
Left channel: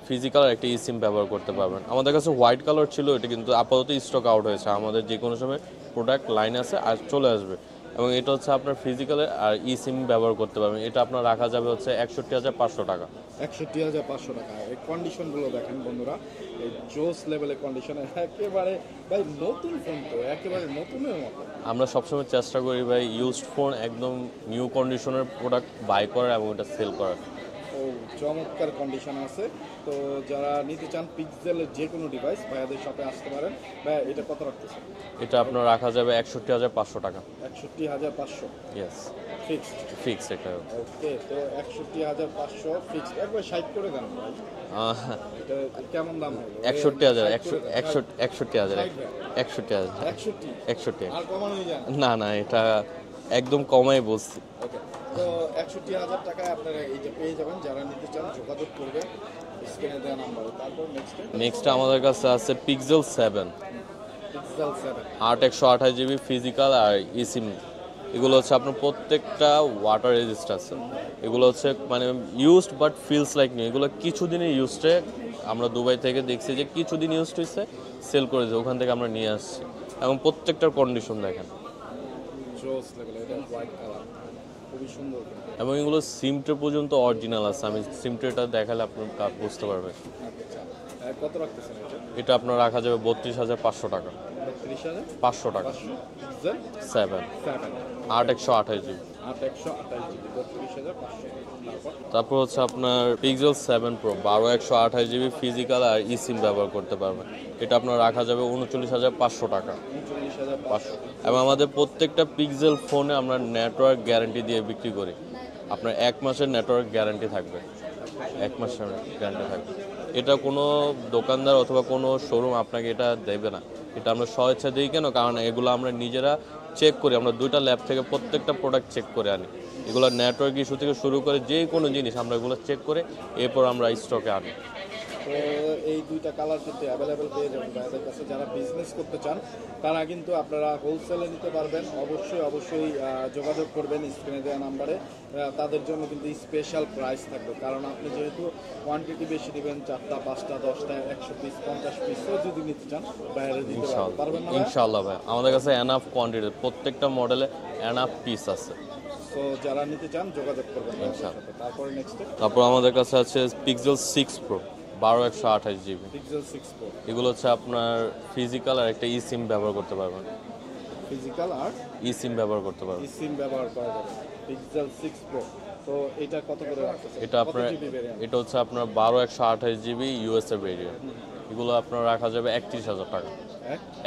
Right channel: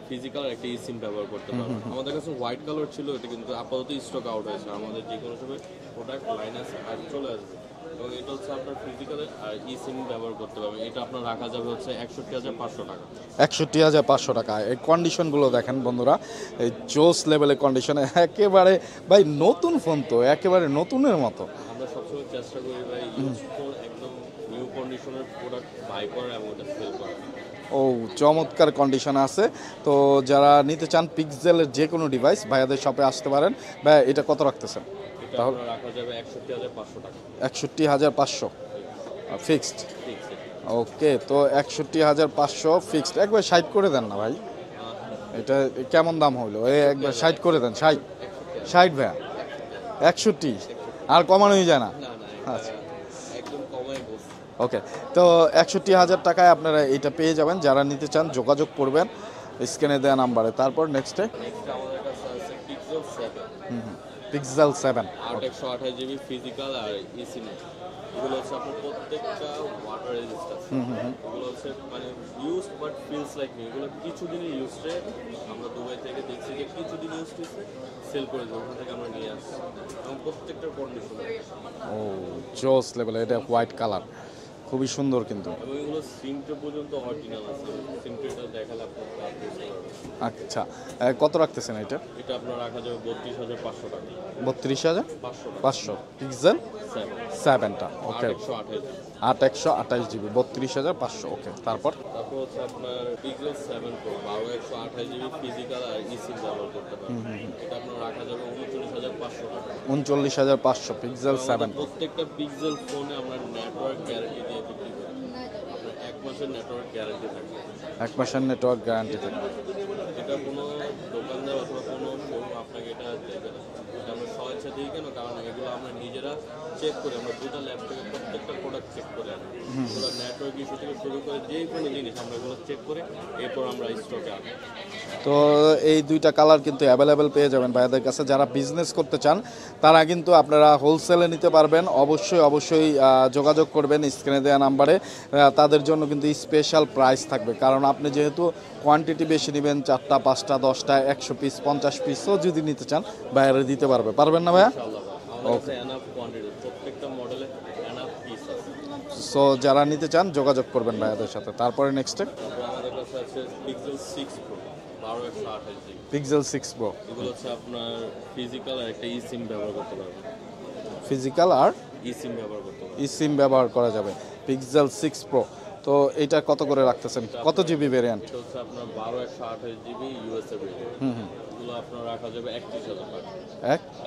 ফিজিক্যাল আর একটা ইসিম ব্যবহার করতে পারবেন। আমাদের কাছে হোয়াইট কালার ছিল, এটা কিন্তু আপাতত স্টক আউট হয়েছে। আমাদের যে কোনো সময় প্রোডাক্ট লাইন আছে আর চলে আসবে। এবং এটা হচ্ছে আপনার ফিজিক্যালের আর ইসিম ব্যবহার করতে পারবেন। এটা আপনার রাখা যাবে হচ্ছে 61,500 টাকা। 61,500 টাকা। এই কন্ডিশনগুলো দেখেন বন্ধুরা, এই জোস লেভেলের কন্ডিশনে একেবারে ভাই নতুন ফোন, তো একেবারে নতুনের মতো। আমরা সবসময় চেষ্টা করি ভাই ইউজড ফোন একদম নিউ কন্ডিশনের প্রোডাক্ট বাই করার এবং এটা সেল করার। ও চমৎকার কন্ডিশন আছে। তো যারা নিতে চান পিক্সেলের যে কোনো ডিভাইস ভাইয়াদের শপে আসতে পারেন। ভাই এটা কত রাখতেছেন? এটা আপনার রাখা যাবে 61,500 টাকা। 61,500 ফিক্সড? ফিক্স এটা। ওকে, তো 61,500 ফিক্সড। একবার 60 করে দেন না ভাই। এটা কেমন দাম হলো? 60 করে দেন। 61,000। 60 ভাই? 61,000। 61 আর কমানোই যায় না? না, এটা একদম কমাই বলছি। ওকে, তো 61,000 টাকায় আপনারা এটা পেয়ে যাবেন। যারা নিতে চান যোগাযোগ করবেন স্ক্রিনে দেওয়া নাম্বারে। তারপর নেক্সট আমাদের কাছে আছে পিক্সেল 7। পিক্সেল 7 128 জিবি ফিজিক্যাল আর ইসিম এগুলো হচ্ছে আপনার প্রত্যেকটা ওয়াটার রেজিস্ট আছে। এগুলো হচ্ছে মানে used but feels like new. এগুলো কিছুদিনের ইউজডে আমরা দুবাই থেকে দেখছি যে কিছুদিন ইউজ হয়েছে, সেল করে দিয়েছে, ওখান থেকে আমরা নিয়ে আসছি এবং প্রত্যেকটার কন্ডিশন দেখেন। ও জোস লেভেল, এটা হোয়াইট কালার, খুবই সুন্দর কিন্তু। এবং এগুলো সিমটে পর্যন্ত অরিজিনাল আছে, আমি সিমটেটা দেখালে আপনি বুঝতে পারবেন। আচ্ছা, কত রাখতেছেন এটা? এটা আপনার রাখা যাবে 32,500 টাকা। 32,500 টাকা। 500 পিক্সেল 7টা 8/128 জিবি। 8/128 জিবি 32,500। ওকে, তারপর হচ্ছে আপনার পিক্সেল 7 প্রো 12/128 জিবি ফিজিক্যাল আর ই সিম ব্যবহার করতে পারবেন। এটা আপনার রাখা যাবে 39,500 টাকা। 39,500 পিক্সেল। এবং আমাদের প্রত্যেকটা পিক্সেল ফোনে আমরা নেটওয়ার্ক গ্যারান্টি দিয়ে বিক্রি করি। আপনার 1 মাসের নেটওয়ার্ক গ্যারান্টি থাকবে। 1 মাসের নেটওয়ার্ক গ্যারান্টি থাকবে। এটা কোনো দোকানদার অথবা কোনো শোরুম আপনাকে এটা দেবে না। এটা আমরা স্বেচ্ছা দিই কেন? কারণ এগুলো আমরা নিজেরা চেক করি, আমরা 2টা ল্যাব থেকে প্রত্যেকটা প্রোডাক্ট চেক করে আনি। এগুলো নেটওয়ার্ক ইস্যু থেকে শুরু করে যে কোনো জিনিস আমরা এগুলো চেক করে এরপর আমরা স্টকে আনি। তো এই 2টা কালার কিন্তু অ্যাভেলেবেল পেয়ে যাবেন ভাইয়াদের কাছে। যারা বিজনেস করতে চান তারা কিন্তু আপনারা হোলসেলে নিতে পারবেন। অবশ্যই যোগাযোগ করবেন স্ক্রিনে দেওয়া নাম্বারে। তাদের জন্য কিন্তু স্পেশাল প্রাইস থাকবে, কারণ আপনি যেহেতু কোয়ান্টিটি বেশি নেবেন, 4টা 5টা 10টা 100 পিস 50 পিসও যদি নিতে চান বাইরে দিতে পারবেন না ভাইয়া? ইনশাআল্লাহ ভাই, আমাদের কাছে এনাফ কোয়ান্টিটি, প্রত্যেকটা মডেলে এনাফ পিস আছে। সো যারা নিতে চান যোগাযোগ করবেন ভাইয়াদের সাথে। তারপরে নেক্সটে তারপর আমাদের কাছে আছে pixel 6 pro 12/128 GB. Pixel 6 pro. এগুলো হচ্ছে আপনার ফিজিক্যাল আর একটা ই সিম ব্যবহার করতে পারবেন। ফিজিক্যাল আর ই সিম ব্যবহার করতে পারবেন। ই সিম ব্যবহার করা যাবে। Pixel 6 pro. তো এটা কত করে রাখতেছেন? কত জিবি ভেরিয়েন্ট? এটা হচ্ছে আপনার 12/128 জিবি ইউএসএ ভেরিয়েন্ট। এগুলো আপনার রাখা যাবে 31,000 টাকা।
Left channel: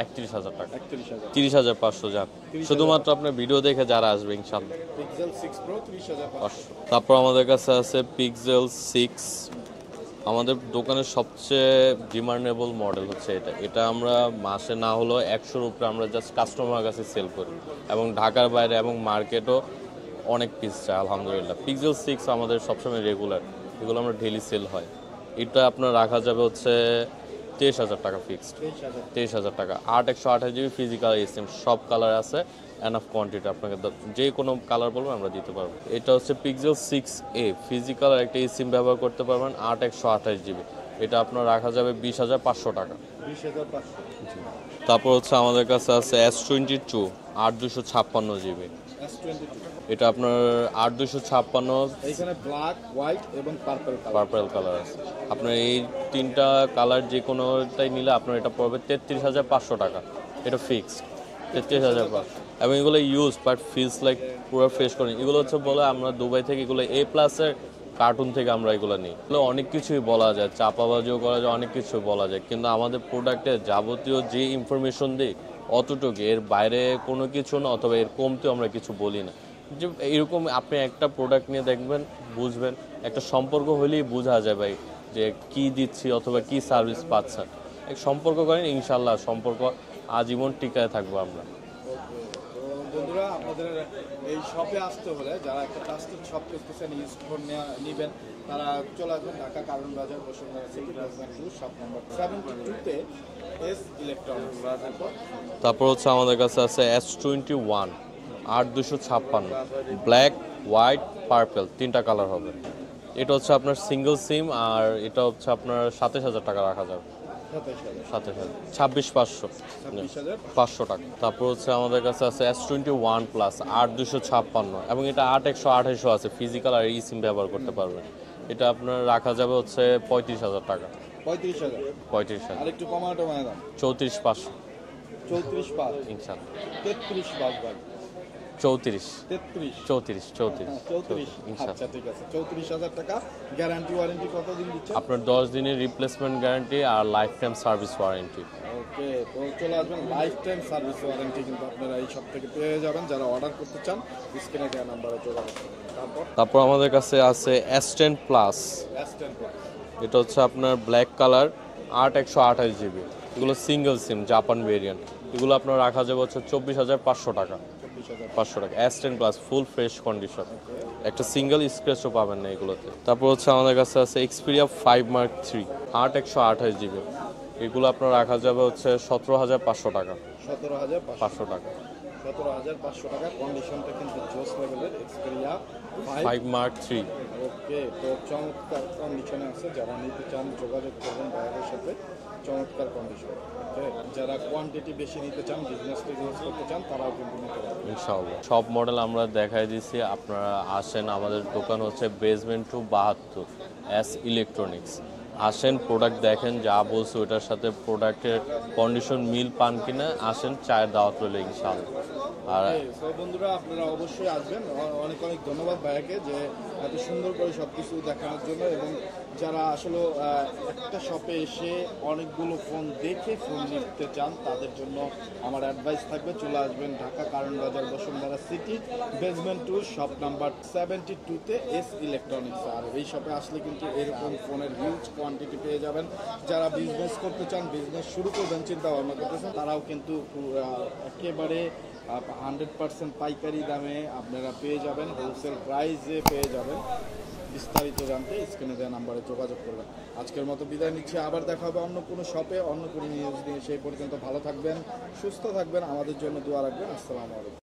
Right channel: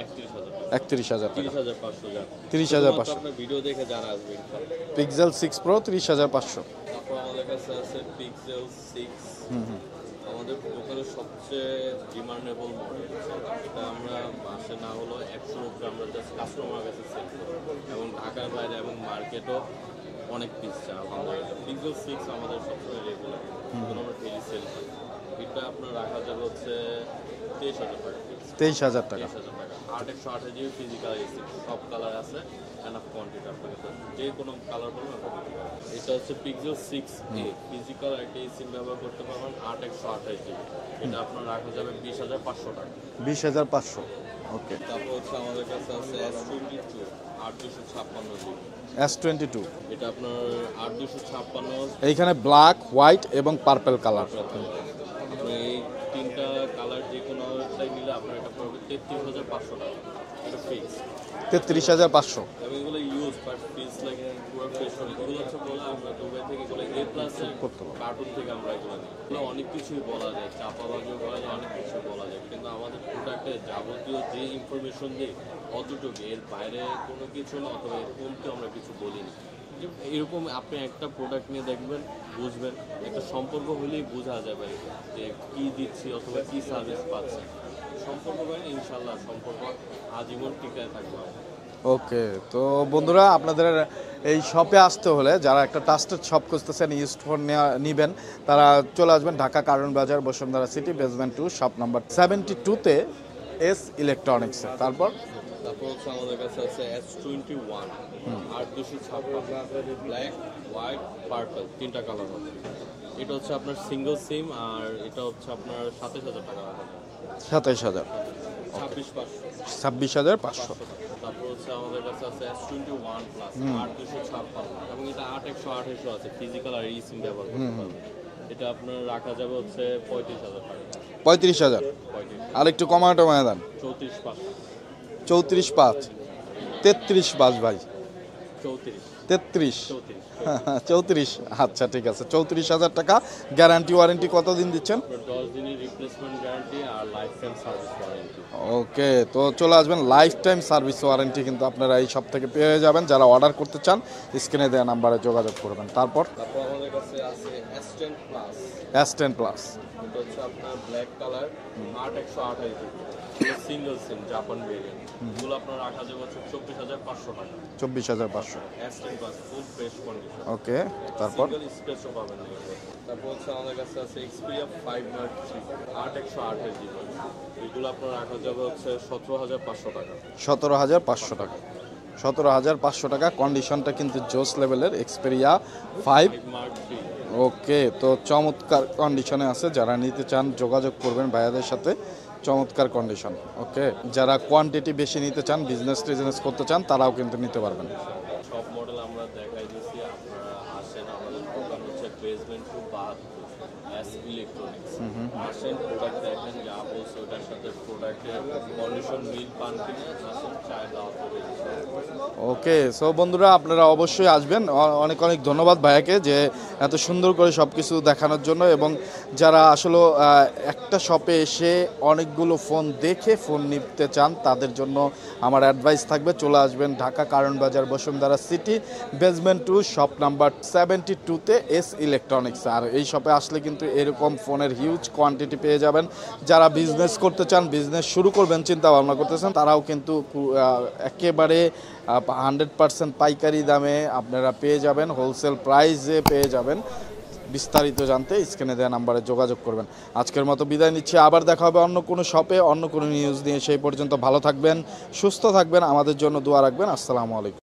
31,000 টাকা। 31,000। 30,500 যান। 30,500 শুধুমাত্র আপনার ভিডিও দেখে যারা আসবে ইনশাআল্লাহ। Pixel 6 pro 30,500। তারপর আমাদের কাছে আছে পিক্সেল 6। আমাদের দোকানের সবচেয়ে ডিমান্ডেবল মডেল হচ্ছে এটা। এটা আমরা মাসে না হলেও 100-র উপরে আমরা জাস্ট কাস্টমার কাছে সেল করি এবং ঢাকার বাইরে এবং মার্কেটও অনেক পিস চাই আলহামদুলিল্লাহ। পিক্সেল 6 আমাদের সবসময় রেগুলার, এগুলো আমরা ডেইলি সেল হয়। এটা আপনার রাখা যাবে হচ্ছে 23,000 টাকা ফিক্স। 23,000 টাকা। 23,000 টাকা। 8/128 জিবি ফিজিক্যাল এসএম সব কালার আছে, এনাফ কোয়ান্টিটি, আপনাকে যে কোনো কালার বলবেন আমরা দিতে পারবো। এটা হচ্ছে পিক্সেল 6a ফিজিক্যাল আর একটা সিম ব্যবহার করতে পারবেন 8/128 জিবি। এটা আপনার রাখা যাবে 20,500 টাকা। 20,500। ওকে। তারপর হচ্ছে আমাদের কাছে আছে S22 8/256 জিবি। S22 এটা আপনার 8/256 এইখানে ব্ল্যাক, হোয়াইট এবং পার্পল কালার। পার্পল কালার আছে। আপনার এই 3টা কালার যে কোনোটাই নিলে আপনার এটা পড়বে 33,500 টাকা। এটা ফিক্সড 33,500। এবং এগুলো ইউজ বাট ফিলস লাইক পুরো ফ্রেশ করে। এগুলো হচ্ছে বলে আমরা দুবাই থেকে এগুলো A+-এর কার্টুন থেকে আমরা এগুলো নিই। এগুলো অনেক কিছুই বলা যায়, চাপাবাজিও করা যায়, অনেক কিছু বলা যায়, কিন্তু আমাদের প্রোডাক্টে যাবতীয় যে ইনফরমেশন দিই অতটুকু, এর বাইরে কোনো কিছু না, অথবা এর কমতেও আমরা কিছু বলি না। যে এরকম আপনি একটা প্রোডাক্ট নিয়ে দেখবেন, বুঝবেন, একটা সম্পর্ক হলেই বোঝা যায় ভাই যে কি দিচ্ছি অথবা কি সার্ভিস পাচ্ছেন। সম্পর্ক করেন, ইনশাল্লাহ সম্পর্ক আজীবন টিকায় থাকবো আমরা। ওকে, তো বন্ধুরা আপনাদের এই শপে আসতে হলে যারা একটা ট্রাস্টেড শপ খুঁজতেছেন, ইউজড ফোন নেবেন, তারা চলে আসবেন Dhaka Karwan Bazar, Bashundhara city, basement 2, shop number 72-তে এস ইলেকট্রনিক্স। তারপর হচ্ছে আমাদের কাছে আছে S21 8/256 ব্ল্যাক, হোয়াইট, পার্পল, 3টা কালার হবে। এটা হচ্ছে আপনার সিঙ্গেল সিম আর এটা হচ্ছে আপনার 27,000 টাকা রাখা যাবে। 27,000। 26,500 26,500 টাকা। তারপর হচ্ছে আমাদের কাছে আছে S21 প্লাস 8/256 এবং এটা 8/128 আছে, ফিজিক্যাল আর ই সিম ব্যবহার করতে পারবেন। এটা আপনার রাখা যাবে হচ্ছে 35,000 টাকা। 35,000। 35,000। আর একটু কমায় দেন। 34,500। 34,500। ইনশাআল্লাহ। 33,500 ভাই। 34। 34। আচ্ছা ঠিক আছে, 34,000 টাকা। গ্যারান্টি ওয়ারেন্টি কতদিন দিচ্ছেন? আপনার 10 দিনের রিপ্লেসমেন্ট গ্যারান্টি আর লাইফ টাইম সার্ভিস ওয়ারেন্টি। ওকে, তো চলে আসবেন, লাইফ টাইম সার্ভিস ওয়ারেন্টি কিন্তু আপনারা এই সব থেকে পেয়ে যাবেন। যারা অর্ডার করতে চান স্ক্রিনে দেওয়া নাম্বারে যোগাযোগ করবেন। তারপর আমাদের কাছে আছে S10 প্লাস। S10 plus. এটা হচ্ছে আপনার ব্ল্যাক কালার 8/128 জিবি। এগুলো সিঙ্গেল সিম জাপান ভেরিয়েন্ট। এগুলো আপনার রাখা যাবে হচ্ছে 24,500 টাকা। 24,500 টাকা। S10 plus full fresh condition. Okay, একটা সিঙ্গেল স্ক্র্যাচও পাবেন না এগুলোতে। তারপর হচ্ছে আমাদের কাছে আছে Xperia 5 Mark III 8/128 জিবি। এগুলো আপনার রাখা যাবে হচ্ছে 17,500 টাকা। 17,500 টাকা। 17,500 টাকা। কন্ডিশনটা কিন্তু জোস লেভেলের, এক্সপেরিয়া 5। 5 মার্ক 3। ওকে, তো চমৎকার কন্ডিশনে আছে, যারা নিতে চান যোগাযোগ করবেন ভাইয়াদের সাথে। চমৎকার কন্ডিশন। ওকে, যারা কোয়ান্টিটি বেশি নিতে চান, টিজনেস করতে চান, তারাও কিন্তু নিতে পারবেন ইনশাআল্লাহ। সব মডেল আমরা দেখাই দিচ্ছি, আপনারা আসেন। আমাদের দোকান হচ্ছে বেসমেন্ট 2 72 এস ইলেকট্রনিক্স। আসেন, প্রোডাক্ট দেখেন, যা বলছি ওটার সাথে প্রোডাক্টের কন্ডিশন মিল পান কিনা আসেন, চায়ের দাওয়াত রইলে ইনশাআল্লাহ। ওকে, সো বন্ধুরা আপনারা অবশ্যই আসবেন। অনেক অনেক ধন্যবাদ ভাইয়াকে যে এত সুন্দর করে সব কিছু দেখানোর জন্য। এবং যারা আসলে একটা শপে এসে অনেকগুলো ফোন দেখে ফোন নিতে চান, তাদের জন্য আমার অ্যাডভাইস থাকবে, চলে আসবেন Dhaka Karwan Bazar Bashundhara city, basement 2, shop number 72-তে এস ইলেকট্রনিক্স। আর এই শপে আসলে কিন্তু এরকম ফোনের হিউজ কোয়ান্টিটি পেয়ে যাবেন। যারা বিজনেস করতে চান, বিজনেস শুরু করবেন চিন্তা ভাবনা করতেছেন, তারাও কিন্তু একেবারে 100% পাইকারি দামে আপনারা পেয়ে যাবেন, হোলসেল প্রাইসে পেয়ে যাবেন। বিস্তারিত জানতে স্ক্রিনে দেওয়া নাম্বারে যোগাযোগ করবেন। আজকের মতো বিদায় নিচ্ছি, আবার দেখা হবে অন্য কোনো শপে অন্য কোনো নিউজ নিয়ে। সেই পর্যন্ত ভালো থাকবেন, সুস্থ থাকবেন, আমাদের জন্য দোয়া রাখবেন। আসসালামু আলাইকুম।